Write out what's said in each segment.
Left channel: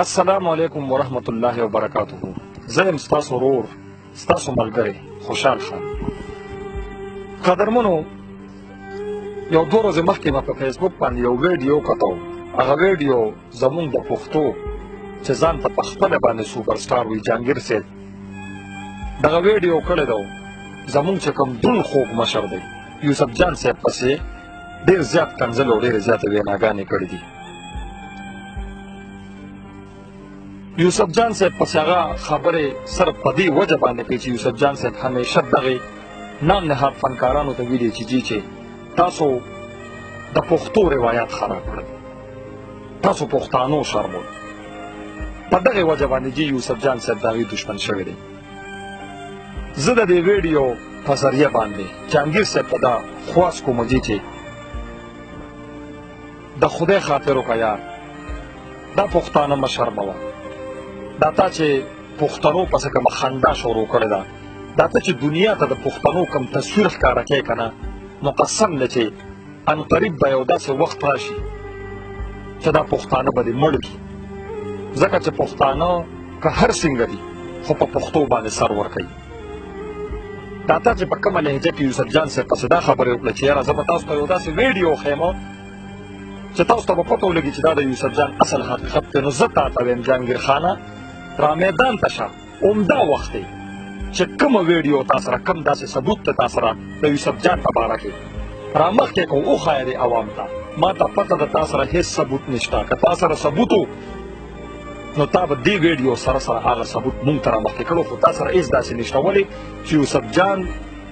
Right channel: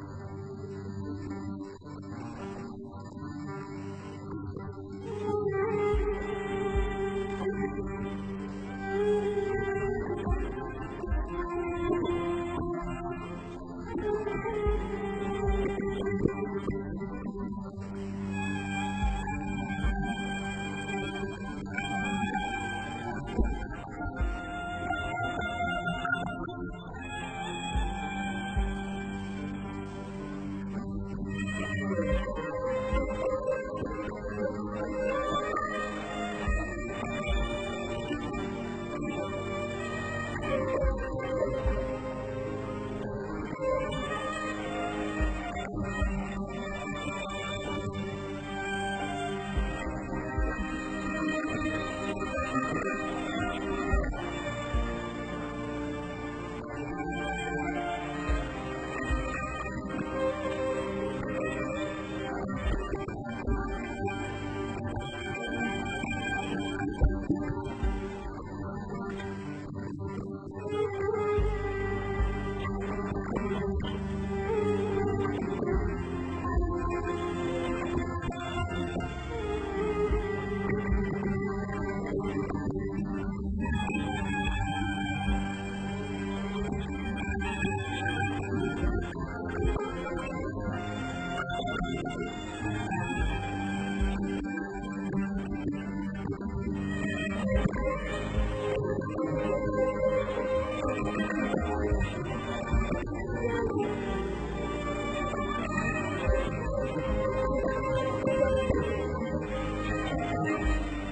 السلام علیکم ورحمت الله وبرکاته. زه یم ستاسو ورور ستاسو ملګری خوشحال خان. قدرمنو، یو 2 ورځې مخکې ما په فیسبوک باندې یو ویډیو کتو. هغه ویډیو زمونږ د پښتو چې ځان ته په خپله باندې سوپر سټار وي جهانګیر صاحب دغه ویډیو کړی دی. زمونږ چې کوم دون خوږ مشر دی یوسف جان صاحب پسې ډېر زیات کنځل او ډېرې زیاتې ویناګانې کړې دي. یوسف جان صاحب پسې هغه خبرې صرف په دې وجه باندې کوي چې یوسف جان صاحب همیشه دغې نام نهاد فنکارانو ته ویلي چې تاسو د پښتو روایات خراب کړئ، تاسو پښتانو شرموئ. په دغې وجه باندې یوسف جان صاحب د هغوی دشمن شوی دی. زه د دې ویډیو په ذریعه باندې جهانګیر صاحب ته دا خواست کوم چې د خدای خاطر وکړه یار، دا پښتانه مه شرموه. دا تا چې پښتنو پسې کومه خندا شروع کړې ده، دا ته چې دنیا ته د پښتنو کوم تصویر ښکاره کوې که نه، نو قسم دی چې عنقریب به یو داسې وخت راشي چې دا پښتانه به دې مړ کړي. ځکه چې پښتانه که هر څنګه دي خو په پښتو باندې سر ورکوي. دا تا چې په کومه لهجه کې یوسف جان صاحب پسې دا خبرې وکړه چې یاره زه به تاسو ته یو داسې ویډیو ښیم چې تاسو ته به پته ولګي چې دا د یوسف جان اصل حقیقت دی. نو زه تا ته وایم جهانګیر خانه، را میدان ته شه. عمده وخت دی چې کومه ویډیو تا سره کوم داسې ثبوت دی تا سره د یوسف جان په باره کې را مخکې کړو وښایه دې عوام ته. ما ته پته ده تا سره هېڅ ثبوت نشته. که تا سره ثبوت و نو تا به دې ویډیو سره هغه ثبوت مونږ ته را مخکې کړو، خو تا سره هېڅ داسې نشته. ولې چې یوسف جان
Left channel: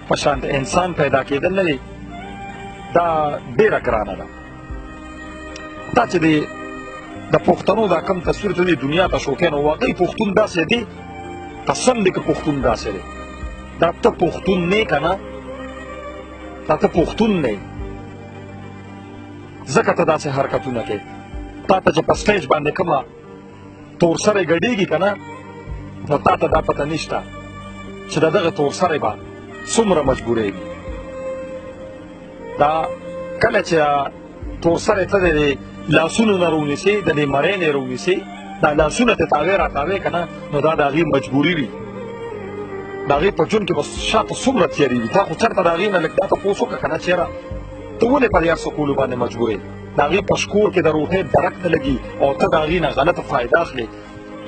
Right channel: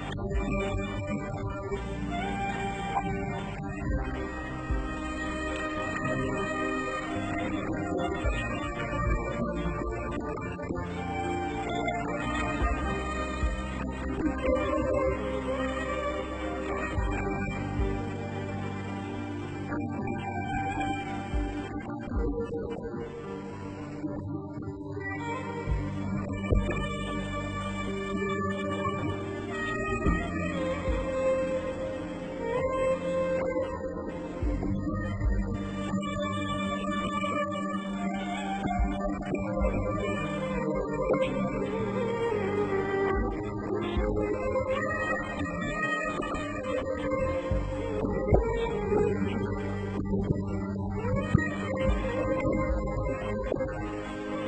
په شان د انسان پیدا کېدل نه دی، دا ډېره ګرانه ده. دا چې د پښتنو دا کم تصویر ته دې دنیا ته شوقی نو واقعي پښتون داسې دی، قسم دی که پښتون داسې دی. دا ته پښتون نه یې که نه، دا ته پښتون نه یې، ځکه ته داسې حرکتونه کوې. تا ته چې په سټیج باندې کومه تور سری ګډېږي که نه، نو تا ته دا پته نشته چې د دغه تور سری به څومره مجبورېږي. دا کله چې تور سری ته د لاسونو نه رونیسې، د دې مرۍ نه یې رونیسې، دا لاسونه ته تاوې را تاوې که نه، نو دا د هغې مجبوري وي. د هغې په ژوند کې به شاته څومره تیاري وي. تا خو چېرته د هغې نه لږ دا تپوس وکړه که نه چې یاره ته ولې پر یار سکولو باندې مجبور یې؟ د هغې په شکور کې د روټۍ درک ته لګي او ته د هغې نه غلطه فایده اخلې.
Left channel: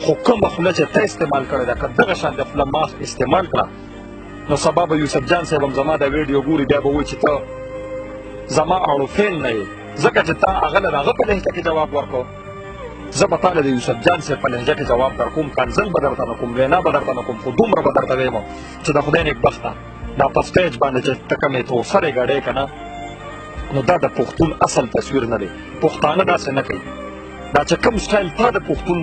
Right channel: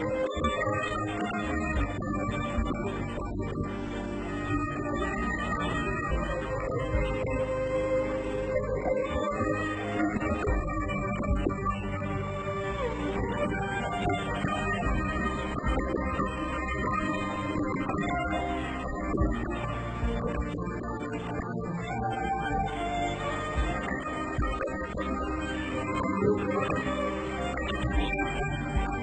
خو کومه خوله چې ته استعمال کړې ده، که دغه شان د خوله ماسک استعمال کړه، نو سبا به یوسف جان صاحب هم زما دا ویډیو ګوري، بیا به وایي چې ته زما اړوفین نه یې، ځکه چې تا هغه له هغه په لهجه کې جواب ورکړو. زه به تا له د یوسف جان صاحب په لهجه کې جواب در کوم، کنځل به درته نه کوم، وینا به درته نه کوم، خو دومره به درته ویم چې د خدای نیکبخته دا په سټیج باندې چې ته کومې تورسرې ګډې که نه، نو دا د پښتون اصل تصویر نه دی. پښتانه داسې نه کوي. دا چې کوم سټایل تا د پښتون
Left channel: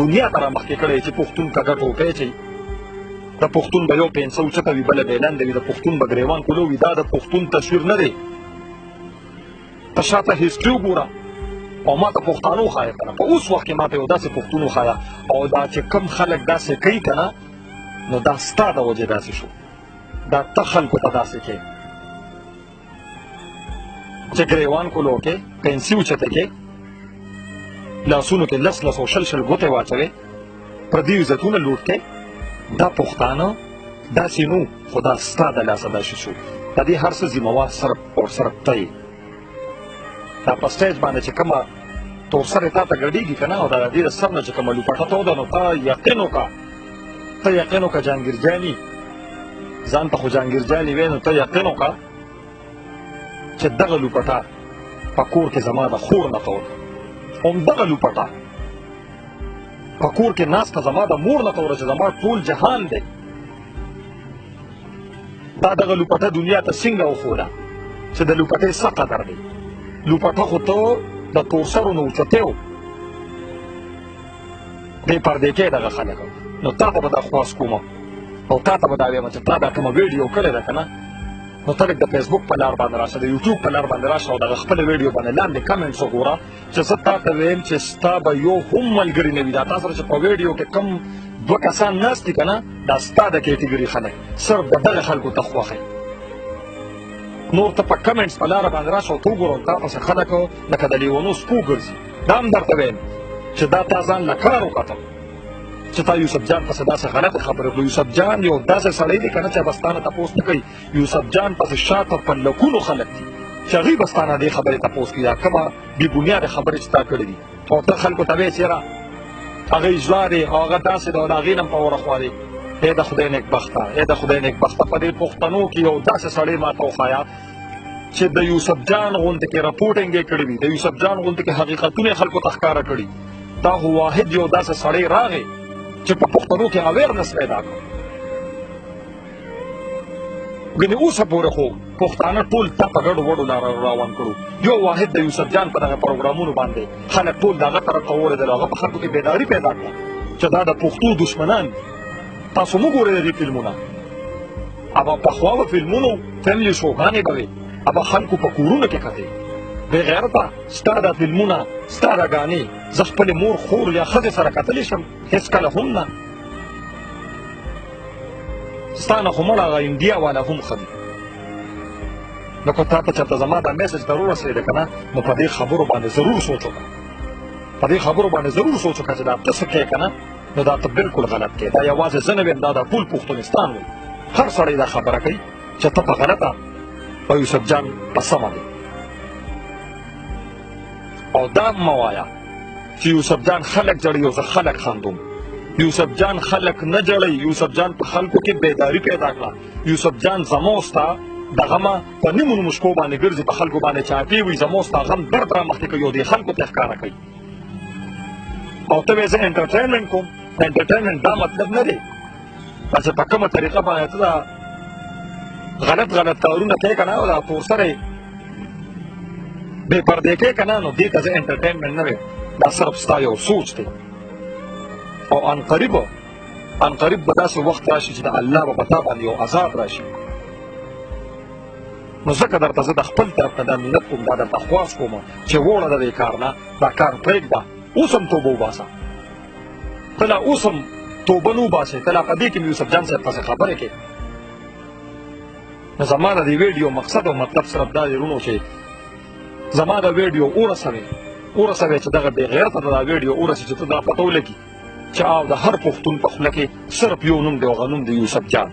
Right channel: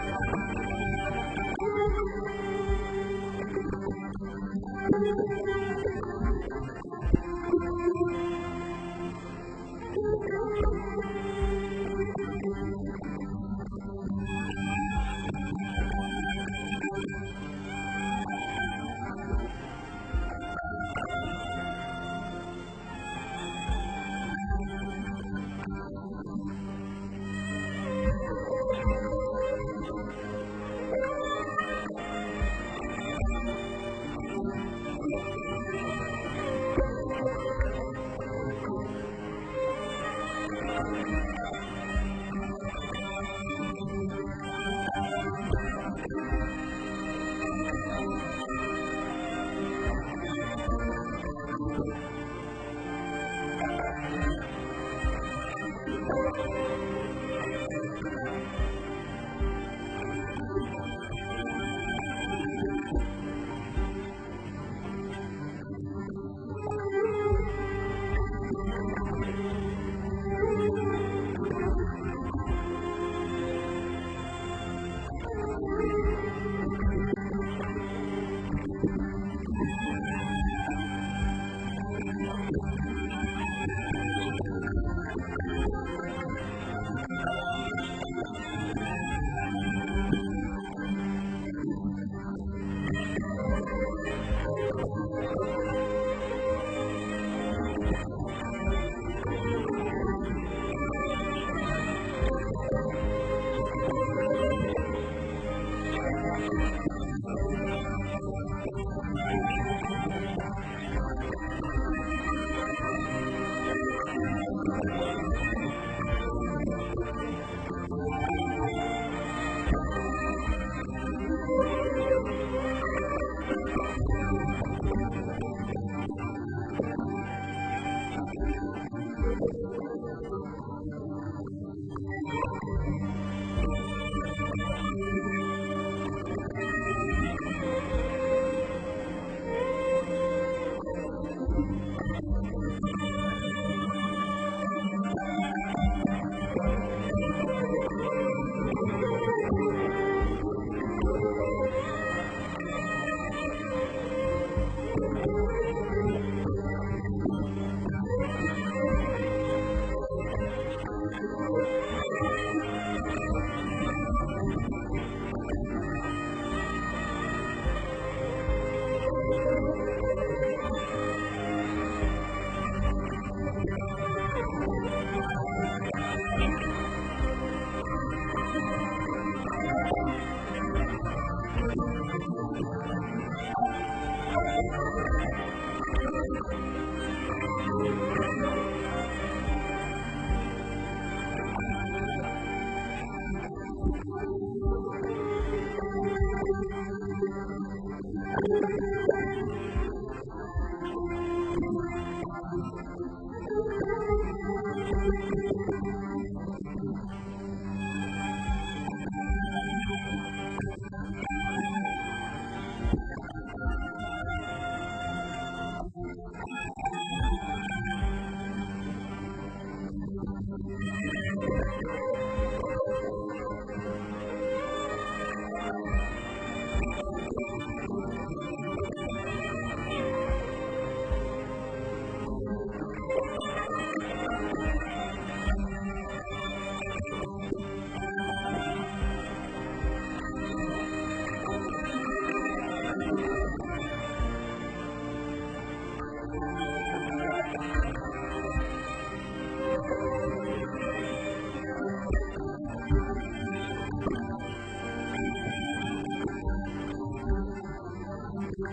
دنیا ته را مخکې کړی چې پښتون کږه ټوپۍ چې د پښتون به یو پنسه اوچته وي بله بېلنده وي، د پښتون به ګریوان کولو وي، دا د پښتون تصویر نه دی. ته شاته هسټري وګوره او ما ته پښتانه وښایه که نه، په اوس وخت کې ما ته یو داسې پښتون وښایه. او دا چې کوم خلک داسې کوي که نه، نو دا ستا د وجې داسې شو. دا ته خلکو ته داسې کوې چې ګریوان کولو کې پنسي اوچته کې لاسونو کې لس او شل ګوتې واچوې، پردي عزتونه لوټ کې. دا پښتانه داسې نو، خو دا ستا د لاسه داسې شو. د دې هر څه ذمهوار صرف او صرف ته یې. دا په سټیج باندې چې کومه تورسرې تا ته ګډېږي که نه، او د دې د سر نه چې کومه لوپټه توده، نو ته یقین وکړه جهانګیر جاني، ځان ته خو جهانګیر جاني وایې، نو ته یقین وکړه چې دغه لوپټه په کور کې زما د خور نه توده، همدغه لوپټه په کور کې ناسته زما د مور نه توده چې زما ټول جهان دی. دا دغه لوپټه دنیا ته څنګه وښوده چې د لوپټۍ څه قدر دی. لوپټه خو ته د تورسرو نه اوچتې و، دې پردې کې دغه خلک، نو تا ته به دا خواست کوم او تا ته به دا ویم چې تا دا کومه ویډیو کړې ده که نه، نو ته لږ د فیسبوک په لار باندې راشه، د یوټیوب په لار باندې راشه او دغه خپله ویډیو باندې لاندې کمنټس وګوره چې زه تا ته ویم چې ستا به یو هم ملګري نه وي. دا تا سره چې په ویډیو کې کوم 2 کسان ناست دي که نه، دا ستا د کیټګري خلک، صرف د دغه خلکو ته خوښوي. نور ته په کمنټس په لاره باندې راشه او ته وګوره تا پسې خلک لکه د لیونو سپو ګرځي. دا هم درته ویم چې دا تا ځان له کار وکتل چې تا یوسف جان پسې داسې غلطې خبرې وکړو. یوسف جان یو داسې سړی دی که نه چې به ستا نه تپوس نه کوي. یوسف جان پسې شاته په لکونو خلک دي چې هغوی به ستا نه دې خبرې تپوس کوي یا کومه بې بنیاده خبرې چې تا کړې دي او ته خلکو ته وایې چېرې هغه ژاړې او هغه داسې ده او د هغې نه په ورخوارې. ای د خدای نیکبخته ای د خدای نیکبخته په دې پښتنو کې یو داسې سړی ما ته وښایه چې د یوسف جان غوندې کې رپورټینګ یې کړی وي، د یوسف جان غوندې کې حقیقتونه یې خلکو ته ښکاره کړي. دا خو واحد یو داسې سړی راغی چې په پښتنو کې اویرنس پیدا کړي. ګنې اوسه پورې خو پښتانه ټول دا په ګډو وډو روان کړو. یو واحد د یوسف جان په دغه پروګرامونو باندې خلک ټول د هغه طرف ته واورېدل، هغه په خلکو کې بیداري پیدا کړه چې دا د پښتو دشمنان دي. تاسو مه ګورئ د دې فلمونه، هغه پخوا به فلمونو فیملي شوګانې به وې، هغه خلکو په کورونو کې کتې. بې غیرته ستا دا فلمونه ستا دا ګانې زه خپلې مور خور یا ښځې سره کتلی شم؟ هېڅ کله هم نه. ستا نه خو مړه هغه انډیا والا هم ښه دي. نو که تا ته چېرته زما دا میسج در ورسېده که نه نو په دې خبرو باندې ضرور سوچ وکړه، په دې خبرو باندې ضرور سوچ وکړه چې دا ته څه کوې که نه نو دا ته بلکل غلط کوې. دا یوازې زه نه ویم، دا ټول پښتونستان دی. هر سړی دا خبره کوي چې ته په غلطه او یوسف جان په سمه دی. او دا مه وایه چې یوسف جان خلک جړوي او زه خلک خندوم. یوسف جان خلک نه جړوي، یوسف جان په خلکو کې بیداري پیدا کړه. یوسف جان زما او ستا دغه ما په نیمو نیمو شپو باندې ګرځي، په خلکو باندې چاپې وي، زما او ستا غم درد رامخکې کوي او دې خلکو ته ښکاره کوي. او ته وایې زه انټرټینمنټ کوم. انټرټینمنټ دا مطلب نه دی چې په کومه طریقه باندې ته دا غلط کارونه کوې که نه او دا تورسری بې پردې کوې که نه نو دې ته زه انټرټینمنټ نه وایم. دا صرف ستا یو سوچ دی. او عنقریب به داسې وخت راشي چې د الله به په تا باندې یو عذاب راشي. نو ځکه درته زه د خپل طرف نه دا ملت کوم، دا درته خواست کوم چې ووړه د دې کار نه، دا کار پرېږده، اوس هم توبه وباسه. ته لا اوس هم توبه نه وباسې، ته لا په دې کې مې یوسف جان صاحب پسې خبرې کوې. نو زما د دې ویډیو مقصد او مطلب صرف دا دی ورونو چې زما د ویډیو ورسوې چې دغه بې غیرته ته دا ویډیو ورسي چې ته دا پته ولګي چې او د هر پښتون په خوله کې صرف یو نوم دی او هغه نوم دی یوسف جان.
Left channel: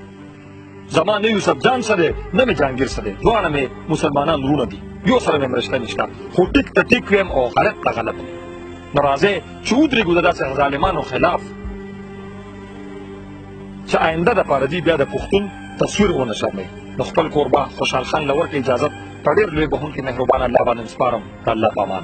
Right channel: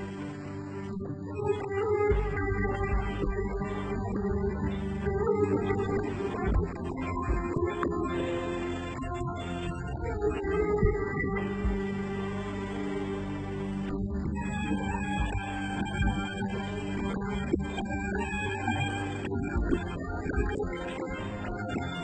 زما نه یوسف جان څه دی نه مې جهانګیر څه دی، دواړه مې مسلمانان وروڼه دي، یو سره مې رشته نشته، خو ټیک ته ټیک ویم او غلط ته غلط ویم. نو راځئ چې ودرېږو د داسې ظالمانو خلاف چې آینده دپاره دوی بیا د پښتون تصویر ونه شرموي. نو خپل کوربه خوشحال خان له ورکړې اجازت په ډېر لوی بخښونکي مهربان الله باندې سپارم. د الله په امان.